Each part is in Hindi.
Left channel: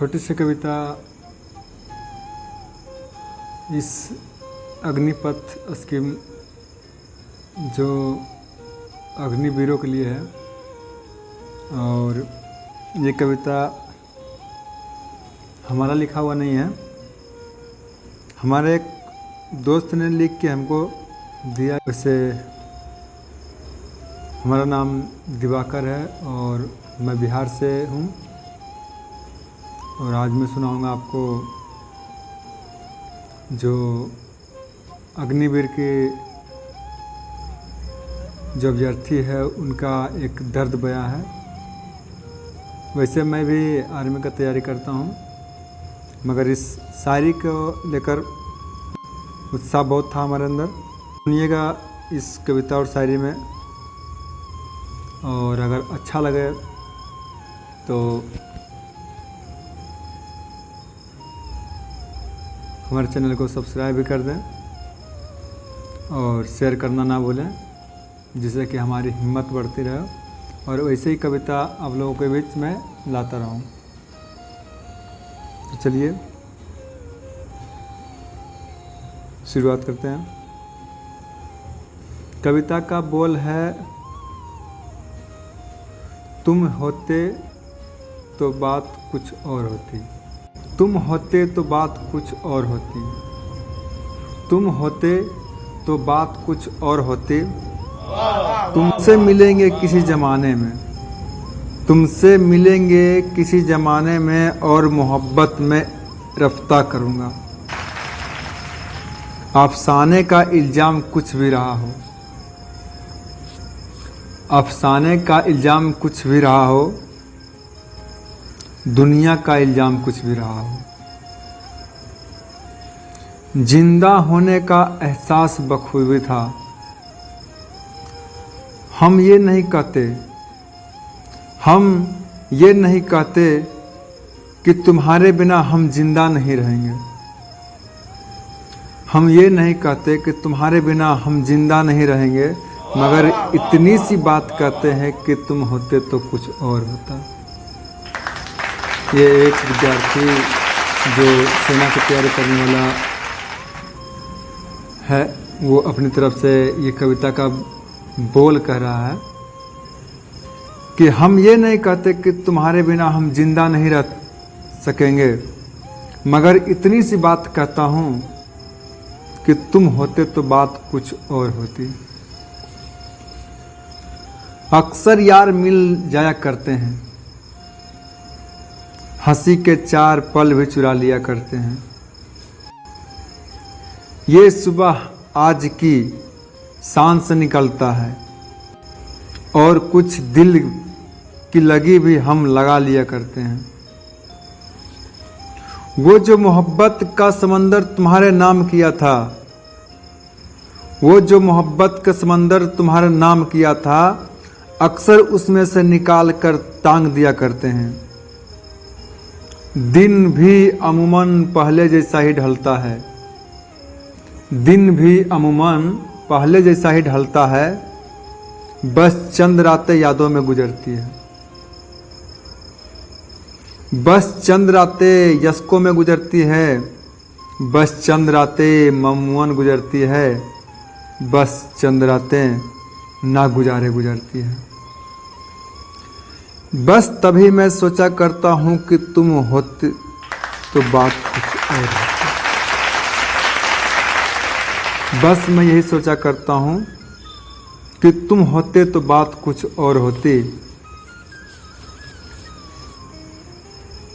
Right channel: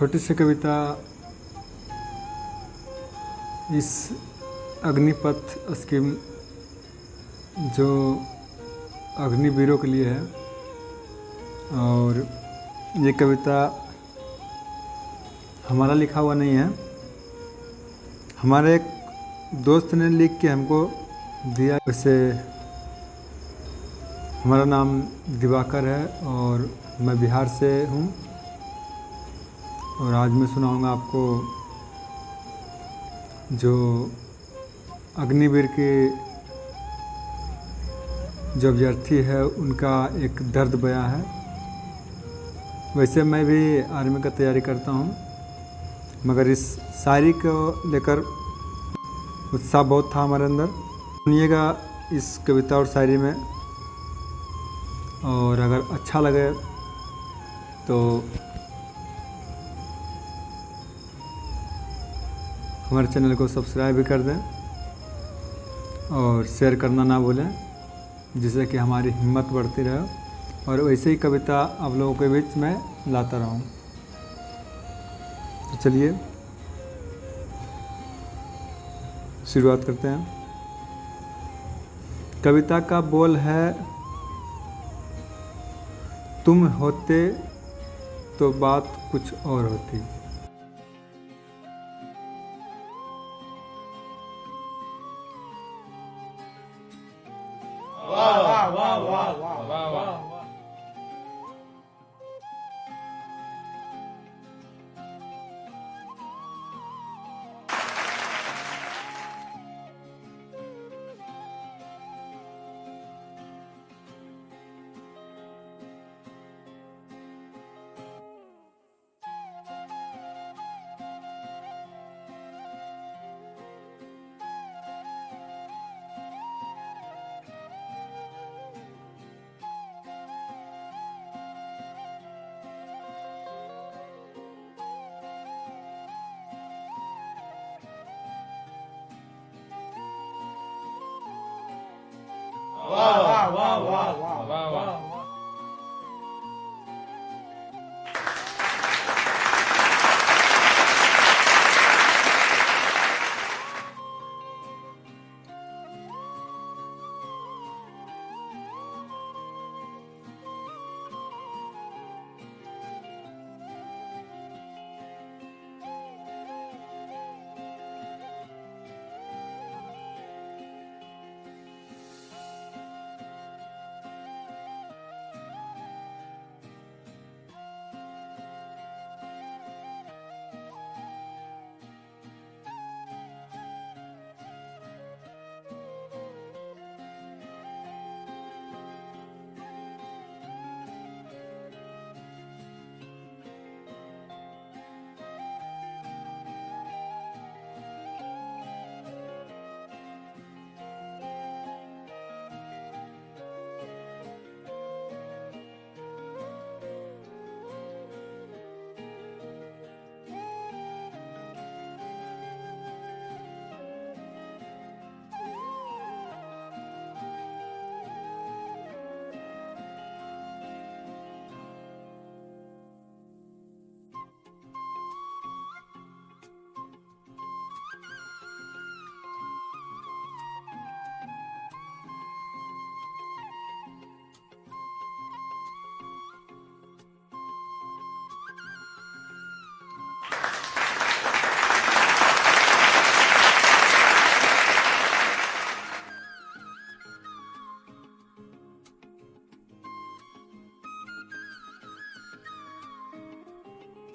छोटी सी कविता इस अग्निपथ स्कीम जो अग्निवीरों के लिए है। और ये कविता हमारा लिखा हुआ नहीं है, हमारे एक दोस्त ने लिख के हमको दिया। वैसे हमारा नाम दिवाकर है और मैं बिहार से हूँ। और आज मैं सुनाऊँगा आपको जो अग्निवीर के जो अभ्यर्थी है उनका एक दर्द बयां है। वैसे मैं भी आर्मी का तैयारी करता हूँ, मगर इस शायरी को लेकर उत्साह बहुत था हमारे अंदर। सुनिएगा इस कविता और शायरी में, और अगर अच्छा लगे तो हमारे चैनल को सब्सक्राइब भी कर दें और शेयर करना ना भूलें, जिससे कि हमारी हिम्मत बढ़ती रहे और वैसे ही कविता आप लोगों के बीच में लाता रहूं। तो चलिए शुरुआत करते हैं। कविता का बोल है, तुम होते तो बात कुछ और होती, तुम होते तो बात कुछ और होती, तुम होते तो बात कुछ और होती। तुमसे मिलेंगे किसी ज़माने में, तुमसे मिलेंगे किसी ज़माने में और मोहब्बत में रफ्ता करूँगा। अफसाने का इल्ज़ाम कुछ भी रहा हो, अफसाने का इल्ज़ाम कुछ भी रहा हो, दुनिया का इल्ज़ाम कुछ भी रहा हो, जिंदा होने का एहसास बखूबी था। हम ये नहीं कहते, हम ये नहीं कहते कि तुम्हारे बिना हम जिंदा नहीं रहेंगे। हम ये नहीं कहते कि तुम्हारे बिना हम जिंदा नहीं रहेंगे, मगर इतनी सी बात कहते हैं कि तुम होते तो कुछ और होता। ये एक विद्यार्थी जो सेना की तैयारी करने वाला है, वो अपनी तरफ से ये कविता का बोल कह रहा है कि हम ये नहीं कहते कि तुम्हारे बिना हम जिंदा नहीं रह सकेंगे, मगर इतनी सी बात कहता हूँ कि तुम होते तो बात कुछ और होती। अक्सर यार मिल जाया करते हैं, हंसी के 4 पल भी चुरा लिया करते हैं। ये सुबह आज की शान से निकलता है और कुछ दिल की लगी भी हम लगा लिया करते हैं। वो जो मोहब्बत का समंदर तुम्हारे नाम किया था, वो जो मोहब्बत का समंदर तुम्हारे नाम किया था, अक्सर उसमें से निकाल कर टांग दिया करते हैं। दिन भी अमूमन पहले जैसा ही ढलता है, दिन भी अमूमन पहले जैसा ही ढलता है, बस चंद रातें यादों में गुजरती है, बस चंद रातें यस्कों में गुजरती है, बस चंद रातें ममून गुजरती है, बस चंद रातें ना गुजारे गुजरती है। बस तभी मैं सोचा करता हूँ कि तुम होते तो बात कुछ और होती। बस मैं यही सोचा करता हूँ कि तुम होते तो बात कुछ और होती।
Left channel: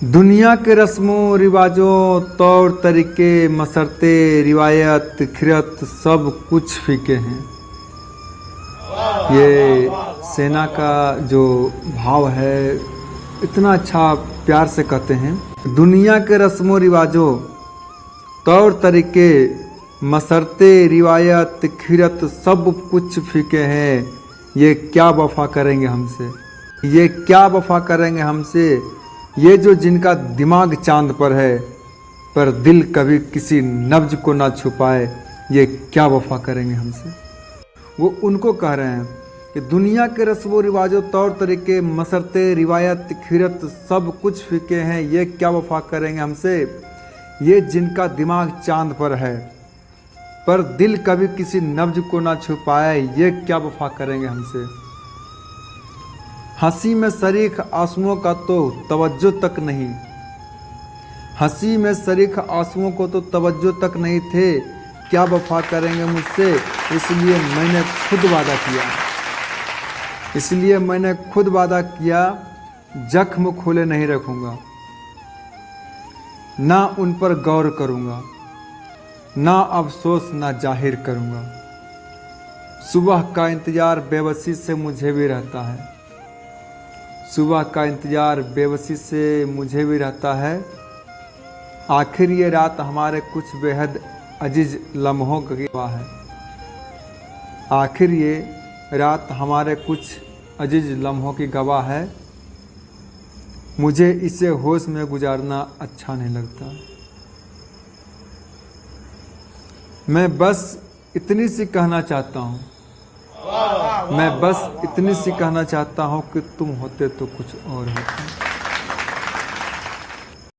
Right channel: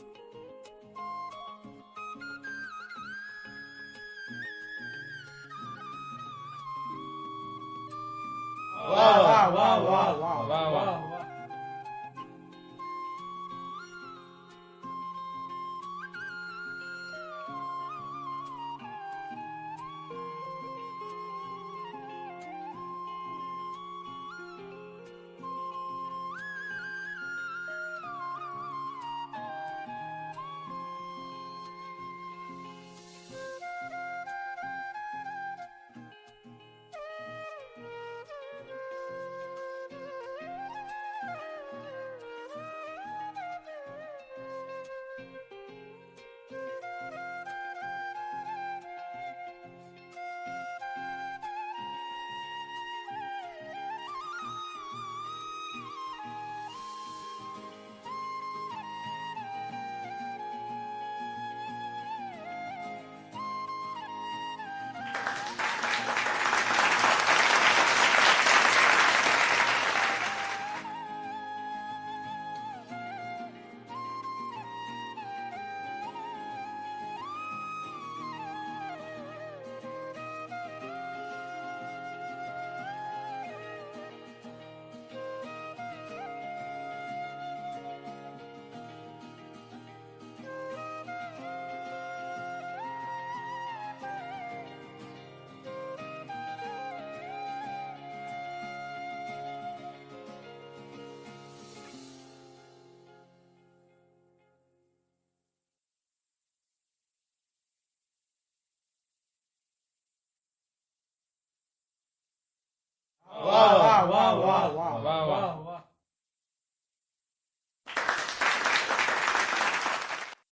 दुनिया के रस्मों रिवाजों तौर तरीके मसरते रिवायत खिरत सब कुछ फीके हैं। ये सेना का जो भाव है इतना अच्छा प्यार से कहते हैं। दुनिया के रस्मों रिवाजों तौर तरीके मसरते रिवायत खिरत सब कुछ फीके हैं। ये क्या वफा करेंगे हमसे, ये क्या वफा करेंगे हमसे, ये जो जिनका दिमाग चांद पर है पर दिल कभी किसी नब्ज को ना छुपाए, ये क्या वफा करेंगे हमसे। वो उनको कह रहे हैं कि दुनिया के रस्मों रिवाजों तौर तरीके मसरते रिवायत खीरत सब कुछ फीके हैं, ये क्या वफा करेंगे हमसे। ये जिनका दिमाग चांद पर है पर दिल कभी किसी नब्ज को ना छुपाए, ये क्या वफा करेंगे हमसे। हंसी में शरीक आंसुओं का तो तवज्जो तक नहीं, हंसी में शरीक आंसुओं को तो तवज्जो तक नहीं थे, क्या वफा करेंगे मुझसे। इसलिए मैंने खुद वादा किया, इसलिए मैंने खुद वादा किया, जख्म खोले नहीं रखूंगा, ना उन पर गौर करूंगा, ना अफसोस ना जाहिर करूंगा। सुबह का इंतजार बेबसी से मुझे भी रहता है, सुबह का इंतजार बेबसी से मुझे भी रहता है। आखिर ये रात हमारे कुछ बेहद अजीज लम्हों की गवाह है, आखिर ये रात हमारे कुछ अजीज लम्हों की गवाह है। मुझे इसे होश में गुजारना अच्छा नहीं लगता। मैं बस इतनी सी कहना चाहता हूँ, मैं बस इतनी सी कहना चाहता हूँ कि तुम होते तो कुछ और होता।